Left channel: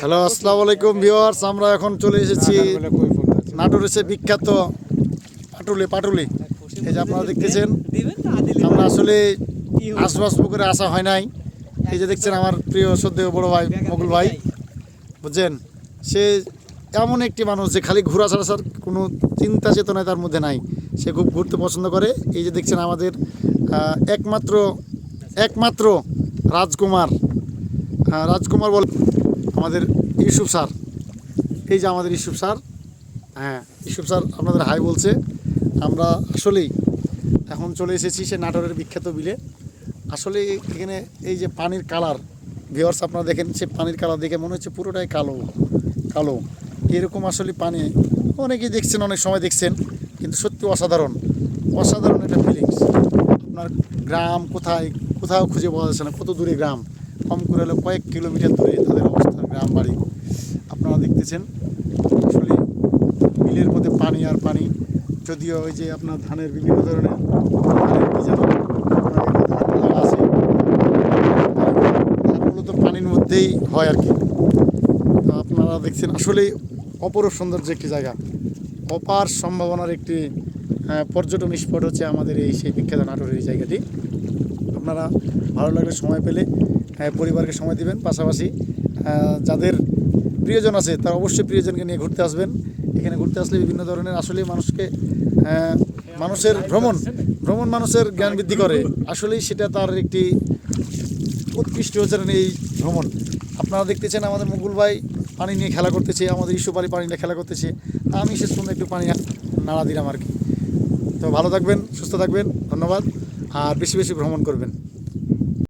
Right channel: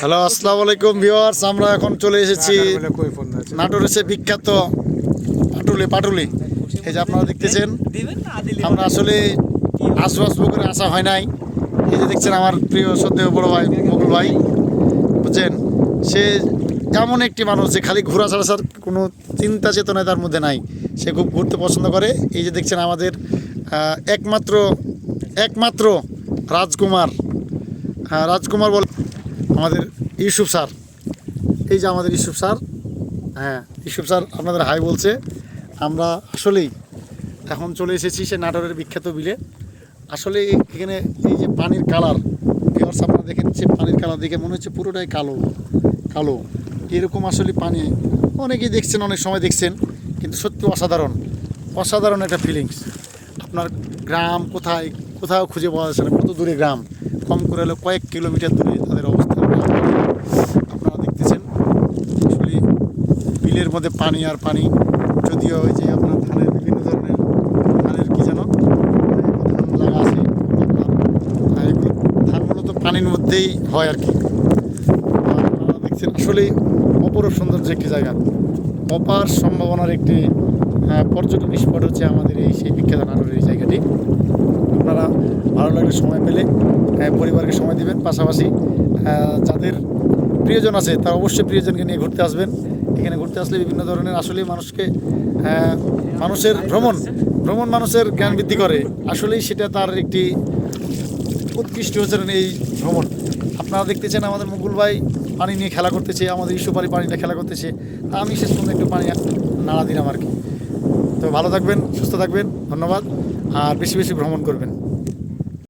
Hello আসসালামু আলাইকুম viewers, আমরা এখন চলে এসেছি নাটোর এসে বিখ্যাত পাটুলি পাটুলি। এই যে আপনারা দেখতেছেন, আমরা আসলে আসব আসব করে আসা হয় নাই। এই যে দেখছেন আমার প্রিয় সদ্য বড় ভাই মুকুল ভাই, বুঝছেন? সে এমন একটি মানুষ, যে খালি ঘোরা ছাড়া ছাড়া কোনো চিন্তা চেতনায় তার মধ্যে নাই। সে খুব ঘুরতে পছন্দ করে। এই যে দেখছেন আমাদের একমাত্র একমাত্র রাজকুমার। হ্যাঁ রাজকুমার বল আমাদের ইউসুফ স্যার। এই যে আমাদের ইউসুফ স্যার হ্যাঁ ইউসুফ স্যার আপনাদের হাই বলছে, আমরা আসলেই এখন চলে এসেছি সে নাটোরের বিখ্যাত বিলে। আসলে এখানে এই যে পানির কালার ভিওর্স আপনারা দেখেন সে পানির কালার দেখে মনে হচ্ছে পুরোটাই কালো কালো। এরকম আসলে পানি অনেকেই দেখছেন, অনেক সময় দেখছেন, কিন্তু সত্যি অসাধারণ অসাধারণ একটা ফিলিংস আপনার গ্রাম কোথায়, কোথাও খুঁজে পাওয়া যাচ্ছে না, কত দূরে গ্রাম, কম করে হলে কয়েক কিলোমিটার দূরে তাদের বাড়ি। আপনারা দেখতেছেন, আসলে বিলের মধ্যে পানি আর পানি, যদিও ওই যে আপনার ধানের বিভিন্ন ধরনের ধানের কি যেন আছে ধানগুলো তো পানির মধ্যেই হয় আর কি। আপনারা দেখছেন, আসলেই অপরূপ সৌন্দর্য একটি জায়গা। অপার সম্ভাবনার একটি পর্যটন স্পট হচ্ছে আমাদের এই সেই বিখ্যাত নাটোরের এই জায়গাটি। আপনারা ভালো লাগলে সময় পেলে পরিবারকে সময় দিবেন পাশাপাশি যাদের প্রিয়জন আছে তারা অবশ্যই প্রিয়জনকে নিয়ে ঘুরতে আসবেন। এখানে ঘুরতে আসলে বিভিন্ন ধরনের আসলে মানুষকে মানুষের ভ্রমণ ভ্রমণ মানুষের জ্ঞান বৃদ্ধি করে। আসলেই সেটা তার একটি উৎকৃষ্ট হচ্ছে এই ভ্রমণ। আপনারা দেখতেছেন আমাদের মুকুল ভাই পানি নিয়ে খেলা করতেছে, আমাদের ইস্যু পানি নিয়ে খেলা করতেছে। আমি সে পর্যন্ত একটু পানি নাড়া দিলাম আর কি। তো ভালো থাকবেন সুস্থ থাকবেন ধন্যবাদ। আর বেশি বেশি ভ্রমণ করবেন।